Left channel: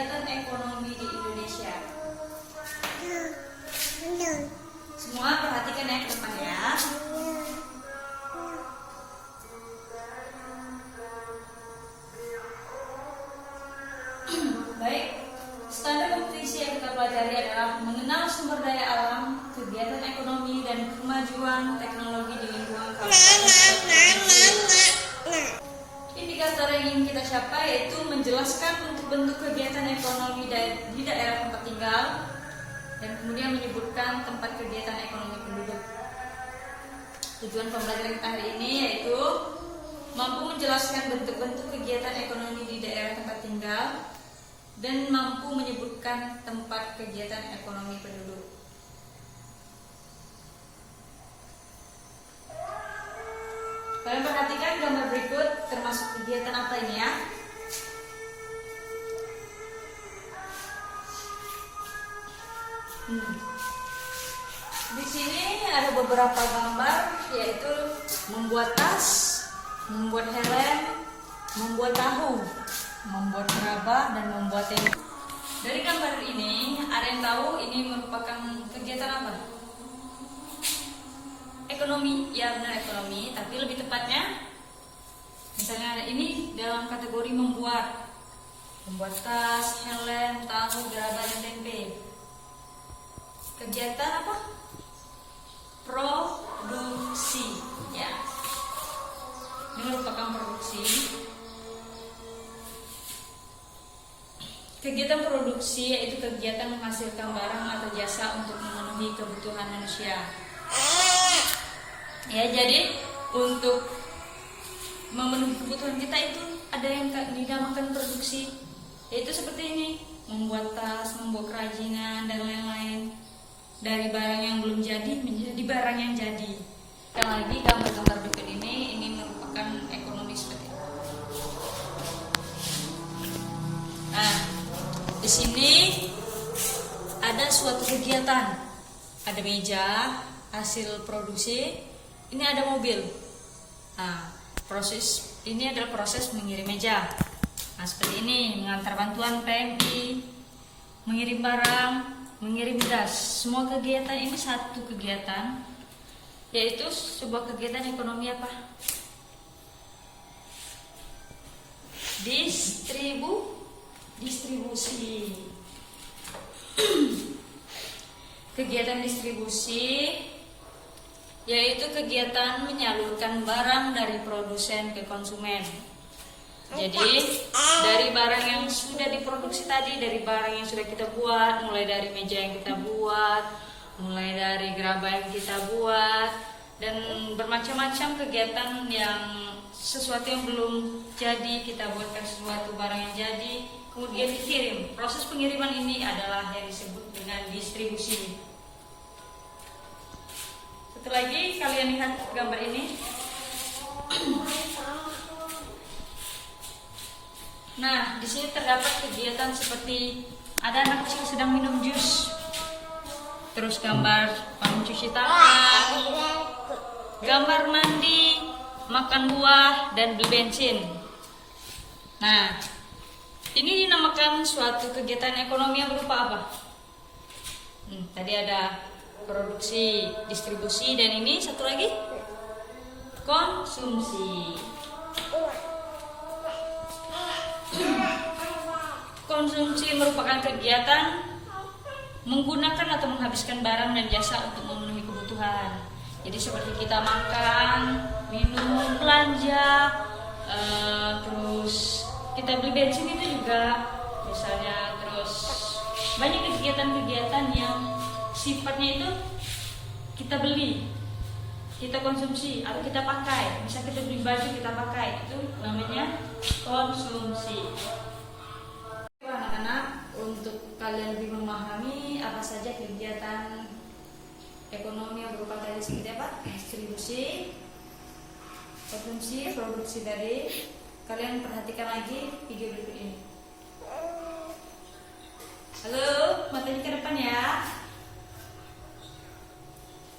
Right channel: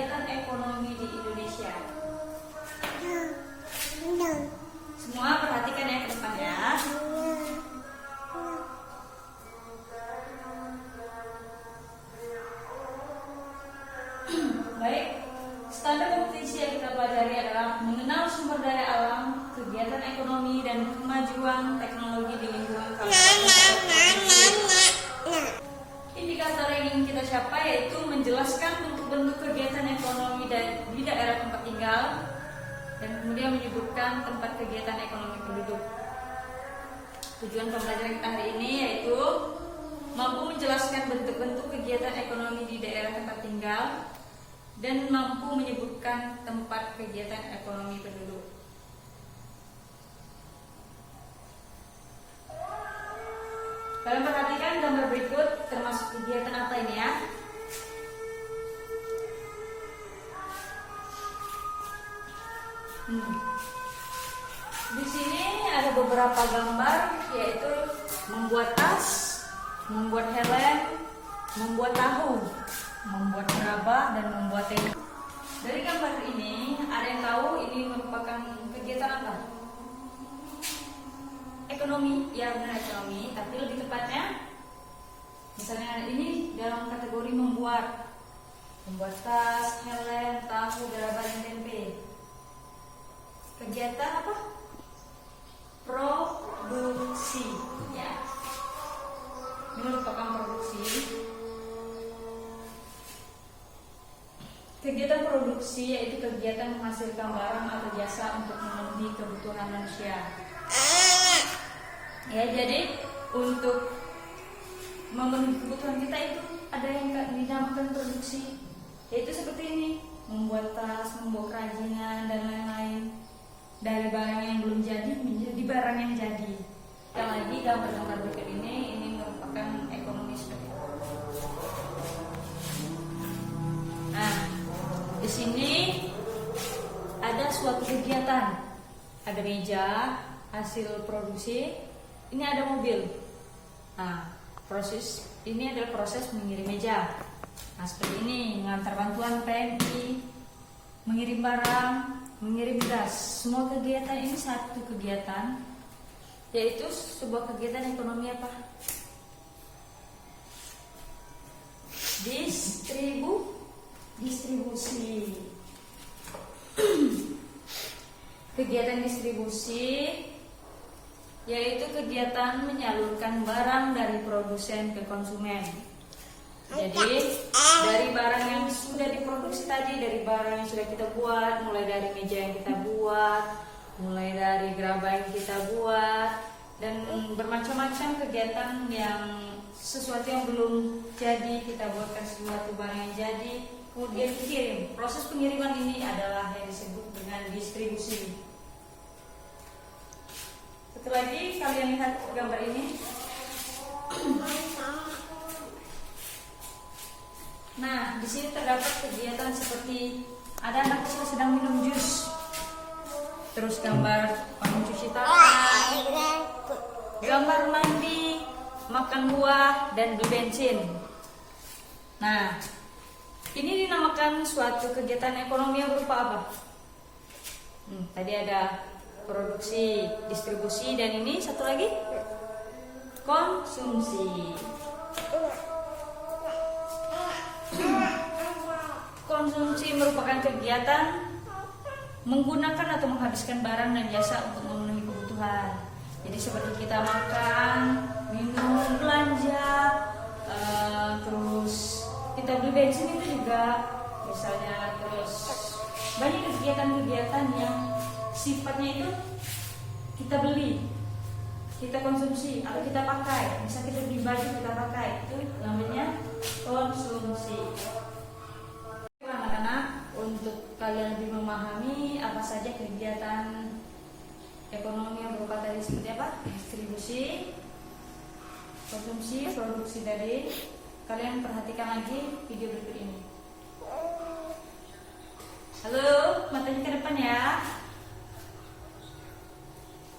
kegiatan ekonomi di Indonesia. Semua perhatikan ya ke depan ya. Baik, standar kompetisi yang kita pelajari adalah mengenal sumber daya alam, kegiatan ekonomi, dan kemajuan teknologi di lingkungan kawasan. Indikator yang ingin kita capai yaitu menjelaskan bentuk-bentuk kegiatan ekonomi di daerah tempat tinggal, dan kemudian menyebutkan tempat kegiatan ekonomi penduduk. Tujuan pembelajaran kita hari ini yaitu mampu menjelaskan bentuk-bentuk kegiatan ekonomi di daerah tempat tinggal dan mampu menyebutkan tempat kegiatan ekonomi penduduk. Kalian perhatikan gambar berikut termasuk kegiatan apa ini ya? Di sini ada beberapa gambar, yaitu membuat tas, membuat helm, membuat tahu, membuat gerabah, dan membuat tenda. Dari gambar ini, ada yang tahu ini merupakan kegiatan apa? Ekonomi, ya benar ekonomi, tapi lebih tepatnya, misalnya ini dalam kategori membuat tas, helm, tahu, gerabah, dan tempe. Kegiatan apa? Produksi, ya. Ini merupakan produksi. Kegiatan produksi yaitu kegiatan menghasilkan barang atau jasa untuk memenuhi kebutuhan manusia. Ya, jadi untuk memenuhi kebutuhan kita itu ada yang dinamakan produksi, yaitu seperti ini, membuat tas, membuat kerajinan, dan lain-lain. Dari barang yang belum jadi menjadi barang yang jadi. Dan lagi gambar-gambar berikut ini merupakan ekonomi seperti itu. Nah, di sini ada suatu kegiatan, ada meja hasil produksi, ini ada mobil. Nah, proses ini adalah proses mengirim meja. Nah, seperti ini, mengantar bantuan PMI, mengirim barang, mengirim gas. Semua kegiatan ini satu kegiatan, yaitu sebuah kegiatan ekonomi apa? Distribusi. Kegiatan distribusi yaitu kegiatan menyalurkan barang dari produsen ke konsumen. Jadi dari barang yang sudah diproduksi tadi, dari barang yang sudah kita buat, mulai dari meja yang kita buat, mulai dari gerabah yang kita buat, dan bermacam-macam kegiatan yang sesuatu yang belum jadi kita buatkan sesuatu barang yang jadi, kemudian dikirim. Proses pengiriman ini adalah yang disebut dengan distribusi. Satu lagi, kalian lihat gambar ini. Nah, di sini terdapat kegiatan seperti ada anak kecil sedang minum jus, terus gambar mencuci tangan, gambar mandi, makan buah, dan beli bensin. Nah, ini dinamakan suatu kegiatan ekonomi yang berupa apa? Tadi ada produksi, distribusi, dan ini satu lagi konsumsi. Konsumsi merupakan kegiatan menggunakan atau menghabiskan barang dan jasa untuk memenuhi kebutuhan. Jadi seperti kita makan, minum, belanja, terus kita beli bensin itu juga misalnya, terus banyak kegiatan-kegiatan yang sifatnya itu kita beli, kita konsumsi, atau kita pakai. Bisa kita beli baju, kita pakai, itu namanya konsumsi. Anak-anak, untuk kalian lebih memahami apa saja kegiatan ekonomi yang berupa tadi seperti apa? Distribusi, konsumsi, produksi tadi. Kalian perhatikan lagi video berikut ini. Halo, materi ke depan ya.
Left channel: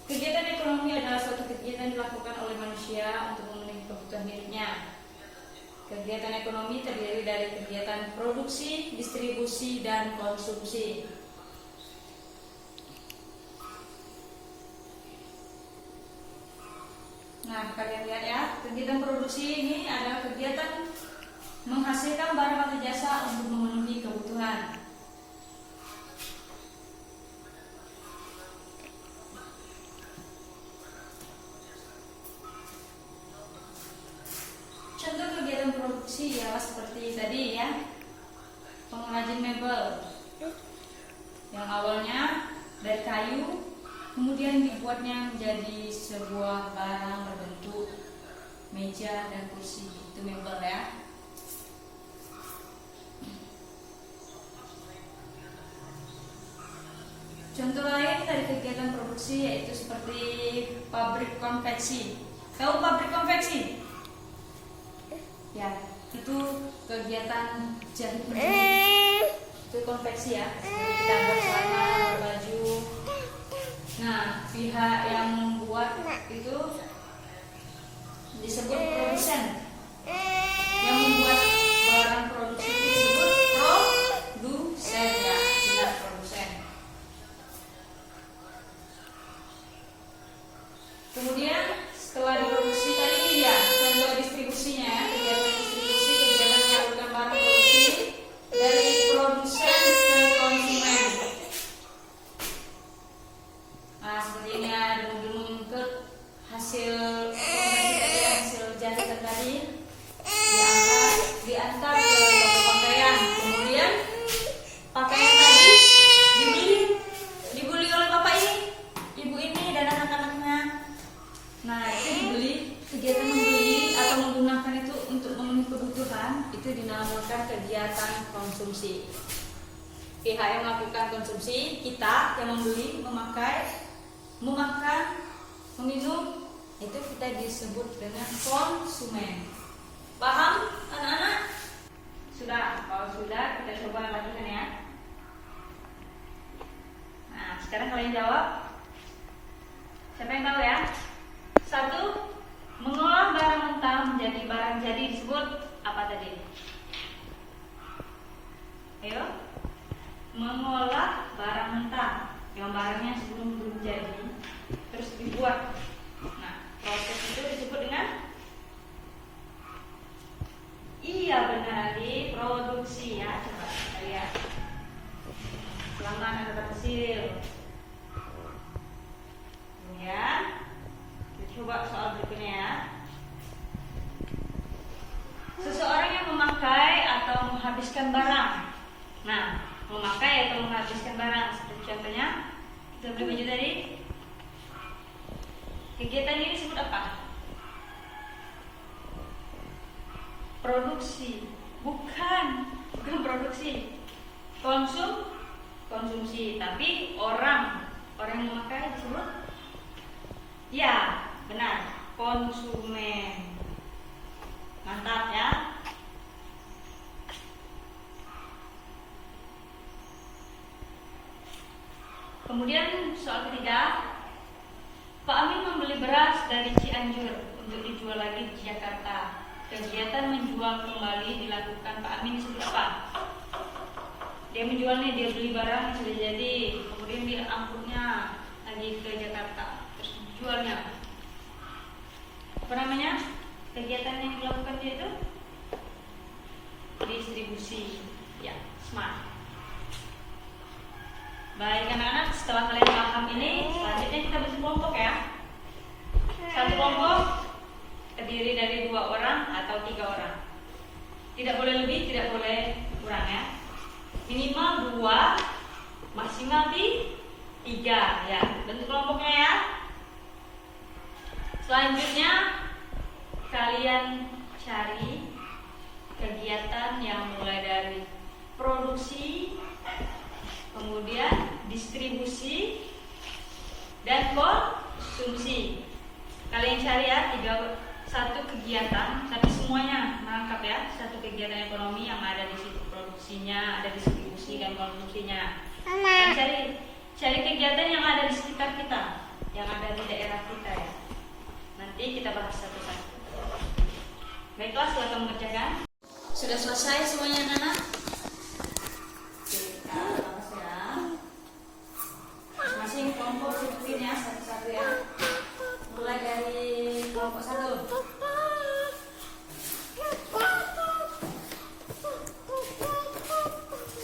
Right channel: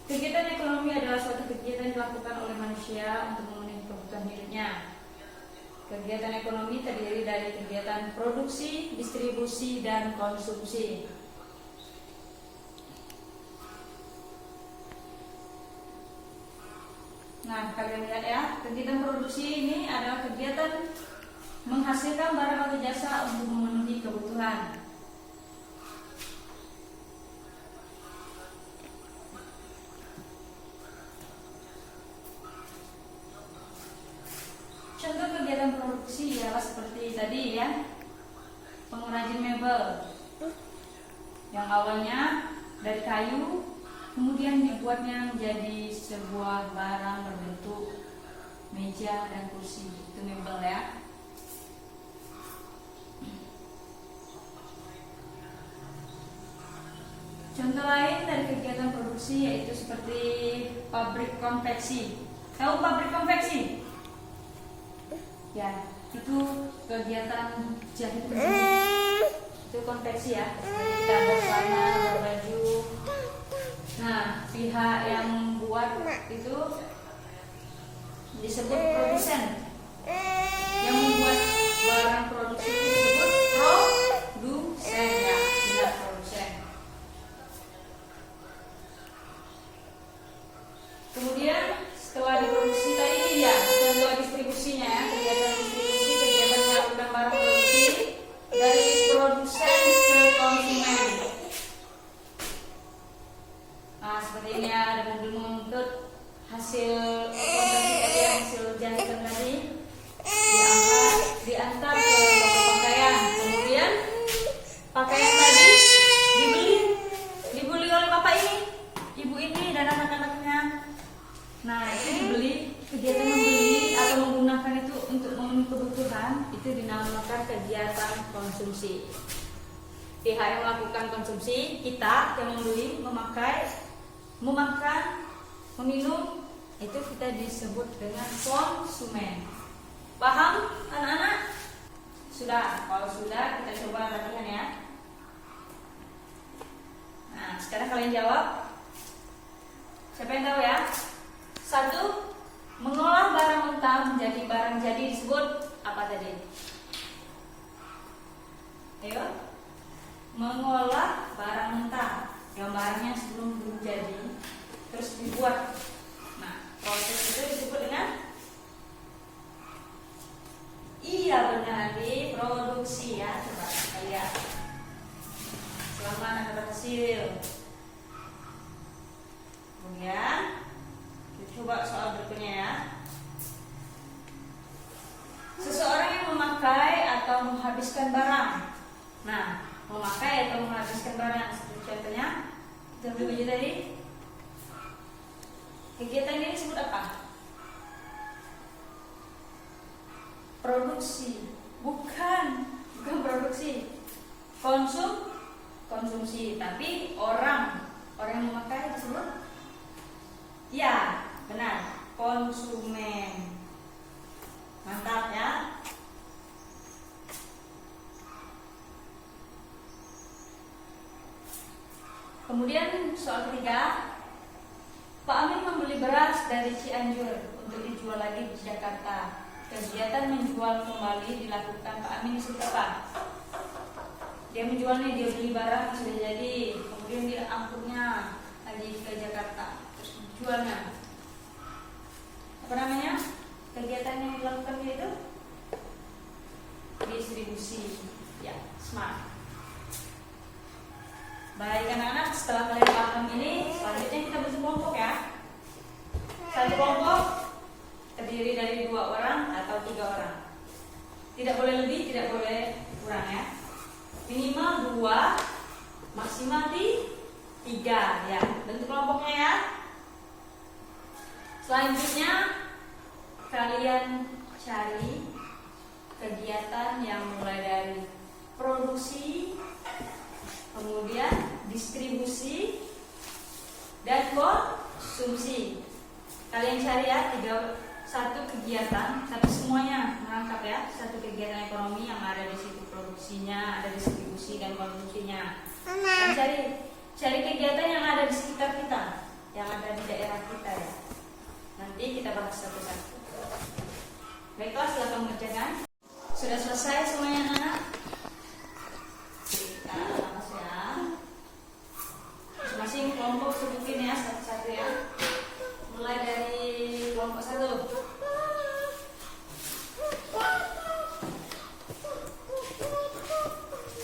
Kegiatan ekonomi adalah suatu kegiatan dilakukan oleh manusia untuk memenuhi kebutuhan hidupnya. Kegiatan ekonomi terdiri dari kegiatan produksi, distribusi, dan konsumsi. Nah, kalian lihat ya, kegiatan produksi ini adalah kegiatan menghasilkan barang atau jasa untuk memenuhi kebutuhan. Contoh kegiatan produksi ya seperti tadi ya, pengrajin mebel yang awalnya dari kayu, kemudian dibuatnya menjadi sebuah barang berbentuk meja dan kursi, itu mebel ya. Contoh lain dari kegiatan produksi yaitu seperti pabrik konveksi. Tahu pabrik konveksi? Ya, itu kegiatan jahit itu konveksi ya, kita bersama berbaju. Nah, pihak yang membuat itu disebut produsen. Yang membuat barang produksi itu disebut produsen ya, tidak produsen. Kemudian setelah diproduksi tadi ini dia contoh distribusinya, kegiatan distribusi, kegiatan menyalurkan barang produksi dari produsen ke konsumen. Nah, seperti ini ada mobil mengangkut hasil konveksi tadi, hasil jahitan tadi diantar ke toko pakaian. Kemudian pakaian tadi dibeli oleh bapak ini, ibu ini dan anak-anaknya. Nah, itu dibeli, kegiatan membeli atau menggunakan itu untuk memenuhi kebutuhan itu dinamakan kegiatan konsumsi. Pihak yang melakukan konsumsi, kita yang membeli, memakai, memakan, meminum, itu kita disebut dengan konsumen. Paham anak-anak? Sudah? Kalau sudah, kita coba perhatikan ya. Nah, sekarang kalian jawab. Siapa yang tahu ya? 1. Mengolah barang mentah menjadi barang jadi disebut apa tadi? Ayo. Mengolah barang mentah yang barangnya sebelum belum jadi terus dibuat. Nah, proses itu disebut dengan benar di produksi ya. Coba kita lihat. Selama anak berhasil. Kemudian coba soal berikutnya ya. Seseorang yang memakai atau menghabiskan barang. Nah, memakai atau menghabiskan barang seperti contohnya kita beli baju tadi. Kegiatan ini disebut apa? Produksi. Bukan produksi. Konsumsi, tapi orang yang memakai disebut ya. Benar, konsumen. Mantap ya. Kemudian soal ketiga, Pak Amin membeli beras dari Cianjur untuk dijual lagi di Jakarta. Kegiatan menjual kembali dilakukan Pak Amin disebut apa? Dia menjualnya, dia beli barang sudah jadi, kemudian dia angkutnya lagi ke Jakarta, terus dijualnya. Apa namanya? Kegiatan yang dilakukan dia itu distribusi. Ya, smart. Baik anak-anak, setelah kalian paham ini, selanjutnya kita bentuk kelompok ya. Satu kelompok terdiri dari 2 orang atau 3 orang. Tidak boleh lebih, tidak boleh kurang ya. Minimal 2, maksimal 3 ya. Bentuk kelompoknya ya. Selanjutnya kalian cari kegiatan yang mulai dari produksi, kemudian distribusi dan konsumsi. Kalian cari ya satu kegiatan, tapi semuanya merangkap ya. Satu kegiatan ekonomi yang ada di situ produksinya, ada distribusi dan konsumsinya. Dan cari kegiatan yang ada di sekitar kita, yang ada di daerah kita ya. Nanti kita bahas satu-satu. Baiklah, silakan mengerjakan. Sudah selesai semuanya anak-anak? Kita lakukan sekarang. Masing-masing kelompok sebutin ya satu-satu ya. Mulai dari kelompok 1.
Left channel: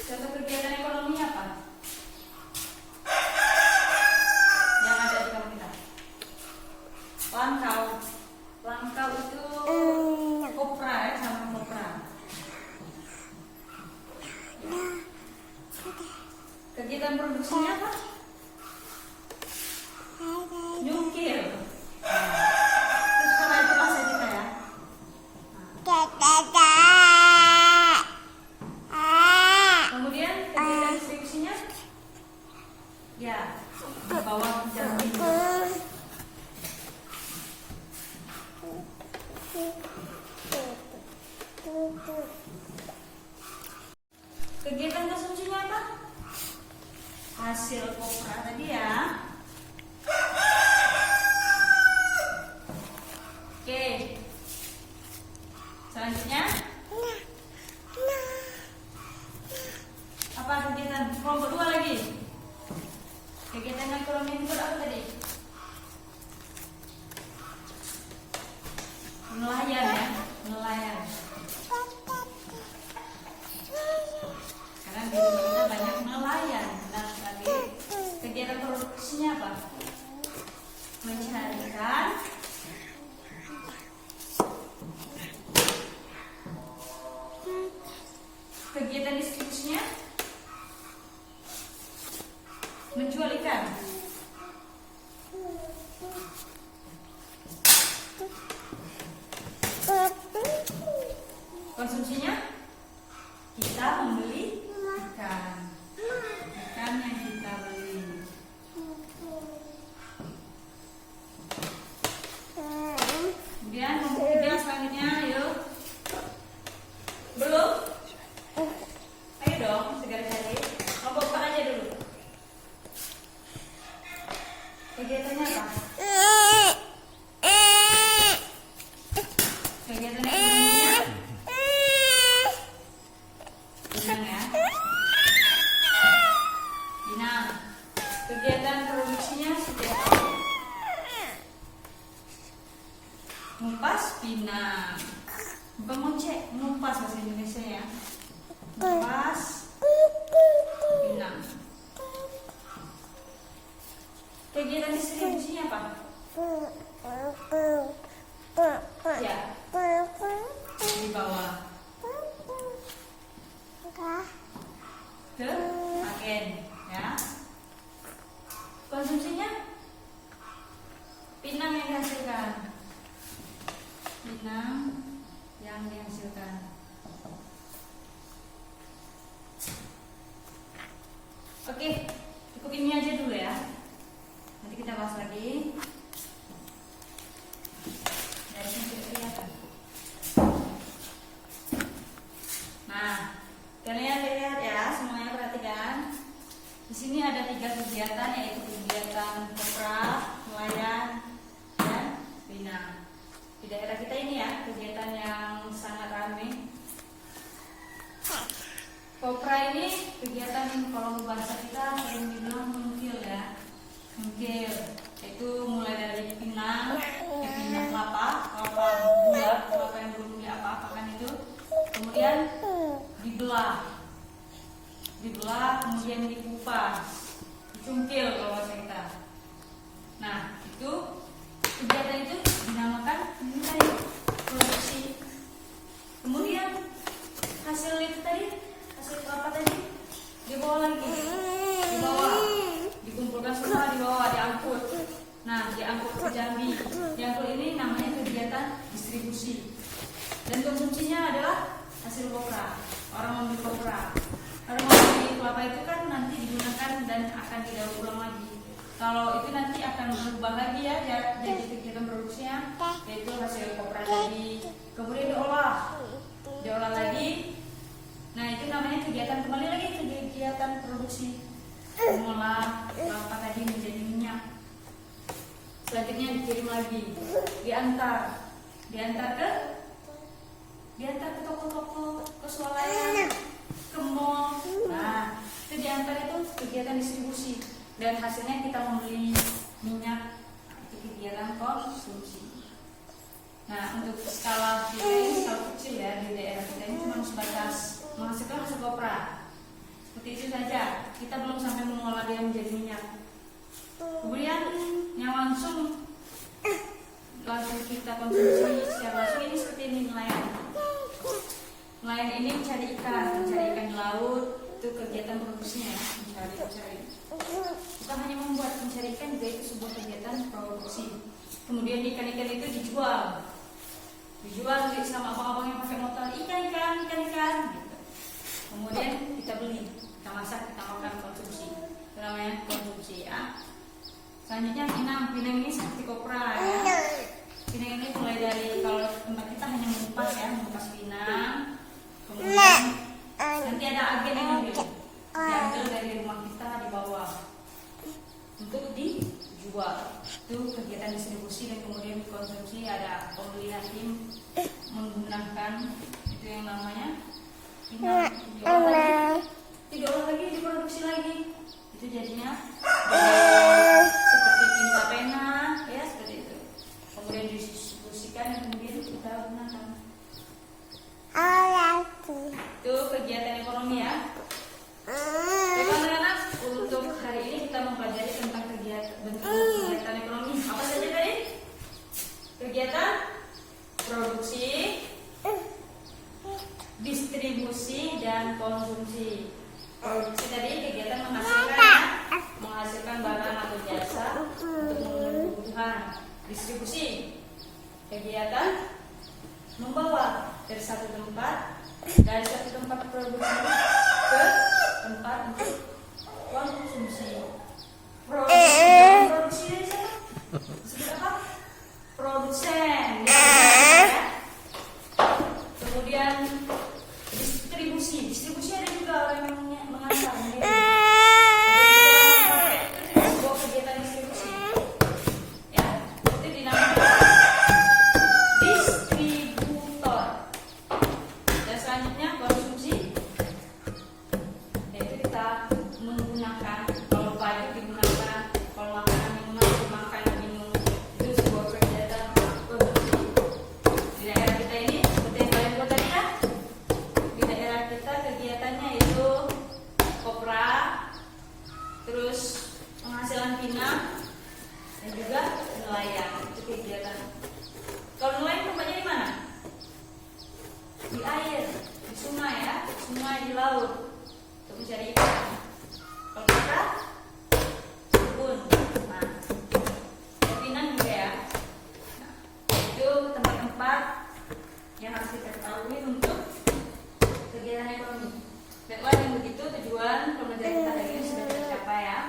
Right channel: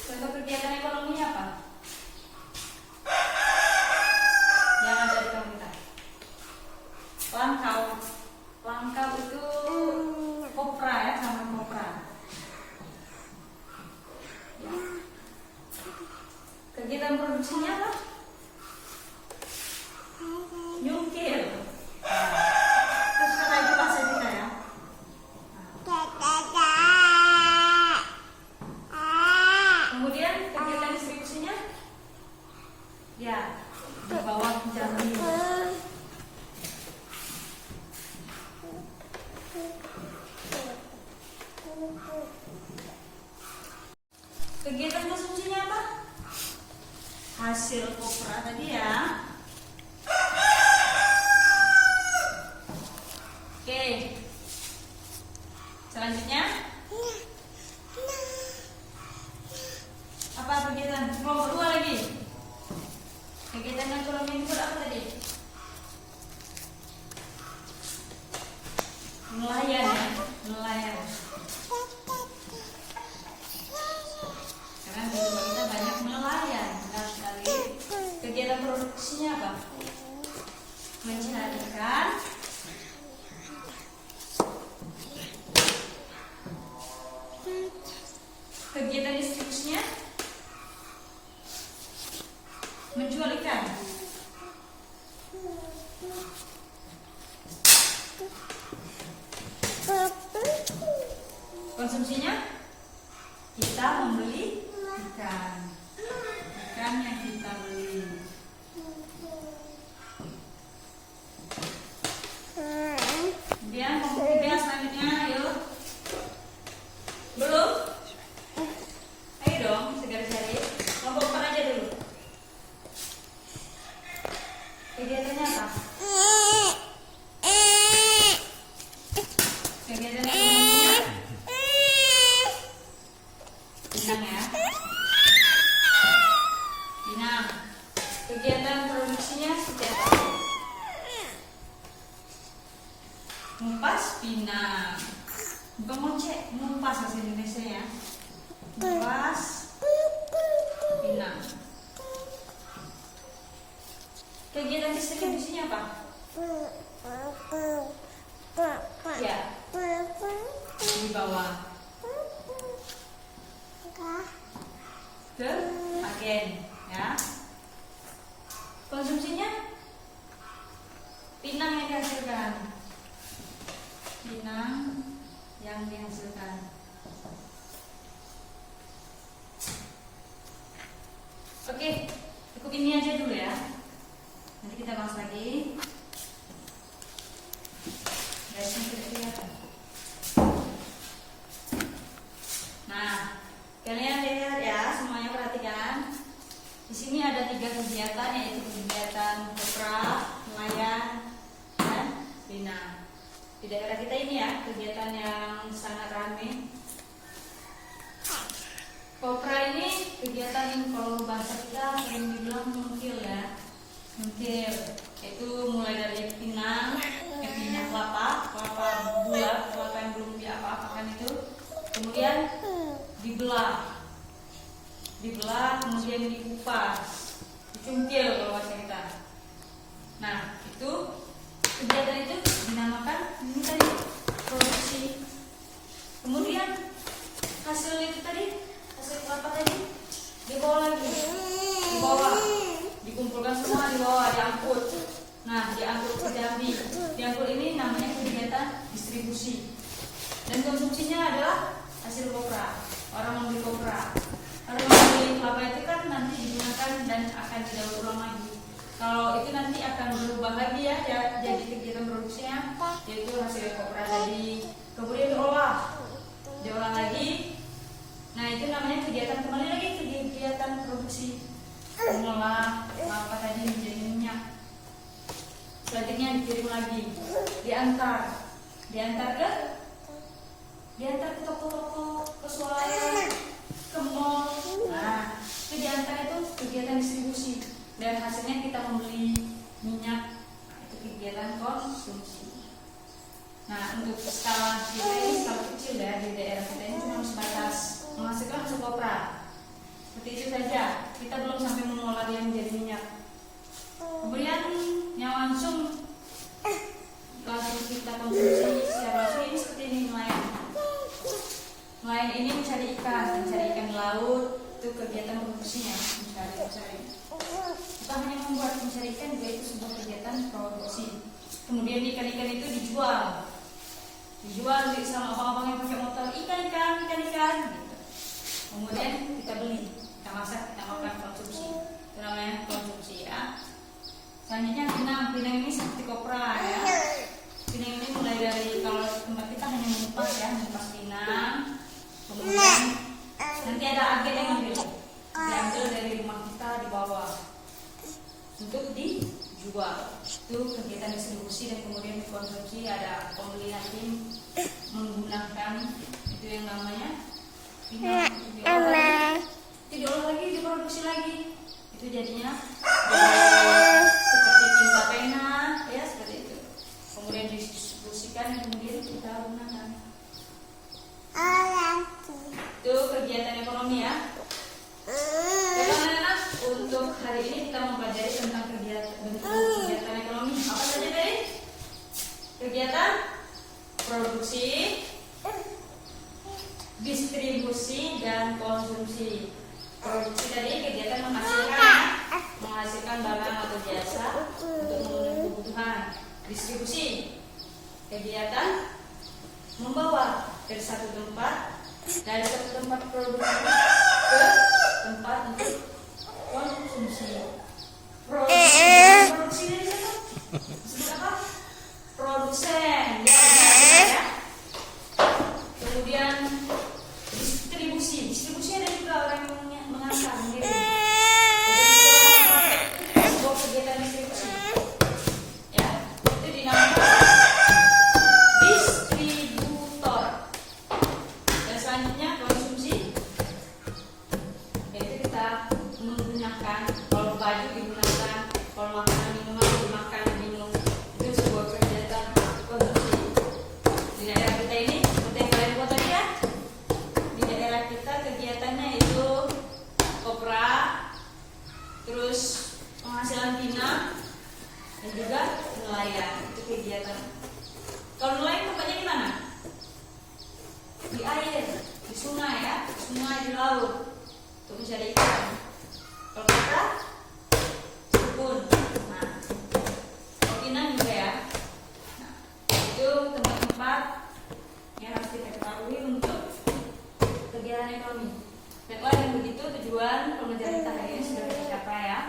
Contoh kegiatan ekonomi apa? Yang ada di kampung kita. Langkau. Langkau itu kopra ya, sama kopra. Kegiatan produksinya apa? Nyungkil. Terus kalau itu bahasa kita ya. Kemudian kegiatan distribusinya ya di bawah jambi. Kegiatan konsumsinya apa? Hasil kopra tadi ya. Oke. Selanjutnya apa kegiatan kelompok 2 lagi? Kegiatan ekonomi itu apa tadi? Nelayan ya, nelayan. Karena di rumah kita banyak nelayan. Nah, sekali kegiatan produksinya apa? Mencari ikan. Kegiatan distribusinya menjual ikan. Konsumsinya kita membeli ikan yang kita beli. Kemudian kelompok 3 selanjutnya, ayo. Belum? Ayo dong, segera cari. Kelompok 4 aja dulu. Kegiatannya apa? Kegiatan ekonominya Pinang ya. Pinang. Kegiatan produksinya seperti apa? Ngupas pinang. Bukan ngocek, ngupas bahasa Indonesia ya. Ngupas pinang. Kegiatan distribusinya apa? Ya, di bawah ke agen ya. Konsumsinya pinang yang dihasilkan. Pinang yang dihasilkan. Oke, cukup ini aja dulu ya. Nanti kita bahas lagi. Dari sini kelihatan. Nah, kalian lihat ya, semuanya perhatikan. Di sini ada 3 kegiatan, yaitu kegiatan kopra, nelayan, dan pinang. Di daerah kita ini ya, kegiatan yang sangat ramai. Kopra ini kegiatan kalau bahasa kita sering dibilang mungkil ya. Mungkil itu mulai dari pinang kelapa bulat, kelapa yang belum diapa-apakan itu, kemudian dibelah, kemudian dikupas, dicungkil kalau bahasa kita. Nah, itu kegiatan itu dinamakan ini tadi produksi. Kemudian hasilnya itu tadi, hasil kelapa tadi dibawa lagi, dikumpulkan semua, dibawa, diangkut. Nah, diangkut ke Jambi. Diangkut ini namanya kegiatan distribusi. Dan konsumsinya adalah hasil kopra. Orang membeli kopra. Kalau membeli kelapa itu kan nanti digunakan dan akan didaur ulang lagi. Kalau itu nanti akan berubah lagi ya, jadi kegiatan produksinya, yaitu hasil kopra tadi. Kemudian diolah lagi. Nah, itu namanya kegiatan, kembali lagi ke kegiatan produksi. Mengolah kelapa tadi menjadi minyak. Selanjutnya dikirim lagi, diantar ke dan hasilnya kita membeli minyak. Nah, itu kegiatan konsumsi. Nah, untuk skala kita ini skala kecil ya, di daerah kita ini cuma sebatas menghasilkan hasil kopra. Seperti itu saja. Kita belum sampai mengolah dia menjadi minyak. Kemudian yang langsung kita konsumsi secara langsung ini seperti ini nelayan. Nelayan ini mencari ikan di laut. Itu kegiatan produksinya, mencari. Kita hanya membuat mencari ikan juga itu sebuah kegiatan produksi. Kemudian ikan-ikan itu dijual sama abang-abang yang pakai motor, ikan gitu. Kemudian kita beli, kita masak, kita makan, konsumsi. Itu namanya konsumsi ya. Selanjutnya pinang ini seperti kopra ya. Pinang ini mulai dari, kalau tempat kita hanya mengupas pinang. Kemudian nanti ada agen yang diambil dari rumah kita di bawah untuk dijual. Itu kegiatan distribusi dan kemudian dikonsumsi. Ada pembeli hakim menggunakan itu yang namanya pinang, diolah lagi, diproduksi lagi. Itu jadinya seperti tinta pena ya, seperti itu. Kemudian didistribusikan dan kemudian kita gunakan. Itu kegiatan ekonomi ya. Bagaimana anak? Untuk hari ini kita mempelajari tentang kegiatan ekonomi. Apa saja tadi? Kegiatan produksi, distribusi, dan konsumsi. Produksi tadi kegiatan menghasilkan barang atau jasa untuk memenuhi kebutuhan. Distribusi kegiatan membawa dari satu tempat produksi ke tempat untuk konsumsi. Produksi ini siapa? Disebut apa? Produsen ya. Kemudian distribusi ada juga orang yang mengantar gitu. Sebuah kegiatan distribusi ya, itu dinamakan distributor. Dan selanjutnya konsumsi, yaitu kita menggunakan, kalau baju digunakan, kalau makanan dimakan, diminum, itu sebuah kegiatan konsumsi. Di daerah kita ini seperti yang kalian buat tadi ya, di daerah kita kegiatannya itu kopra, terus penghasilan pinang, dan juga nelayan. Itu kegiatan. Kalau nelayan tempatnya di mana? Di air, di sungai ya, di laut untuk mencari ikan. Kalau kita kebun, pinang juga ya. Nah, itu tempat-tempat yang harus kita ketahui untuk kegiatan ekonomi. Baiklah, dengan begitu tujuan pembelajaran kita hari ini sudah tercapai ya.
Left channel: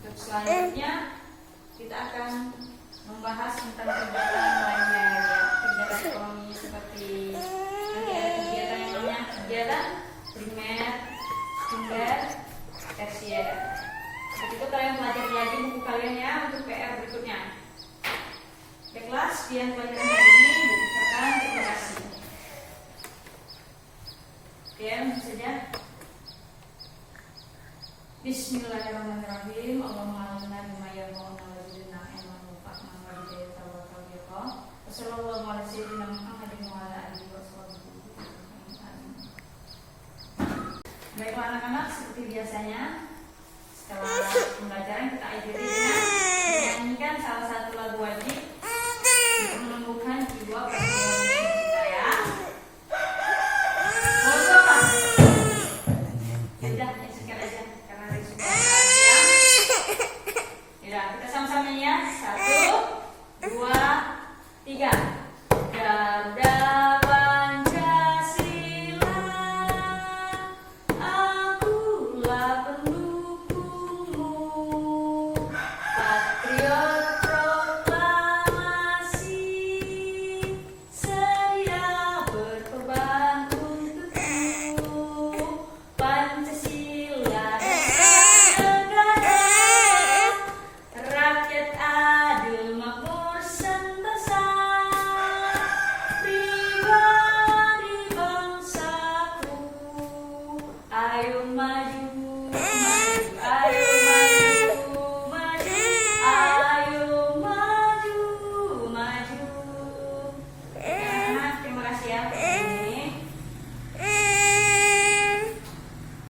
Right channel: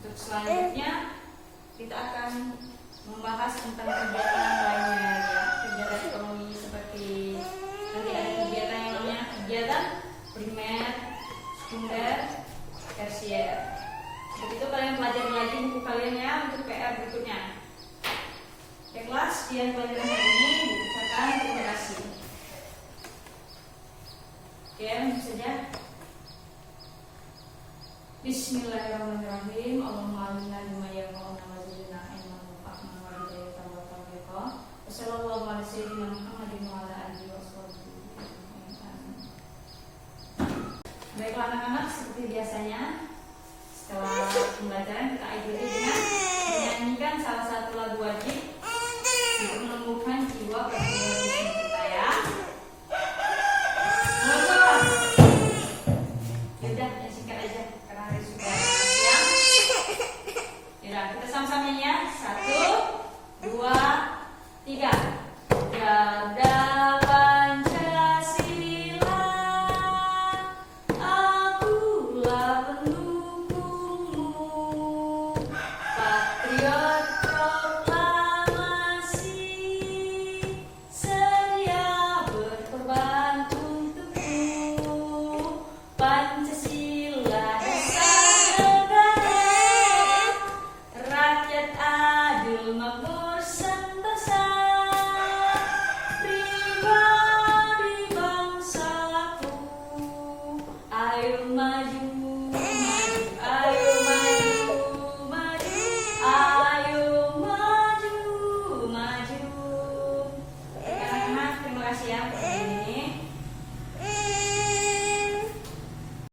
Untuk selanjutnya kita akan membahas tentang kegiatan lainnya ya, kegiatan ekonomi seperti nanti ada kegiatan yang namanya kegiatan primer, sekunder, tersier. Seperti itu kalian pelajari lagi buku kalian ya untuk PR berikutnya. Baiklah, sekian pelajaran hari ini. Diucapkan terima kasih. Ya, saja. Bismillahirrahmanirrahim. Allahumma alimna bima yanfa'una wa zidna ilman wanfa'na wa hidayatan wa tawfiqa. Wassallallahu ala sayyidina Muhammadin wa ala alihi washabihi. Baiklah anak-anak, seperti biasanya setelah pembelajaran kita akhiri dengan menyanyikan salah satu lagu wajib untuk menumbuhkan jiwa perguruan kita ya. Kita sama-sama ya. 1, 2, 3. Garda Pancasila, akulah pendukungmu. Patriot proklamasi, sedia berkorban untukmu. Pancasila rakyat adil makmur sentosa, pribadi bangsaku, ayo maju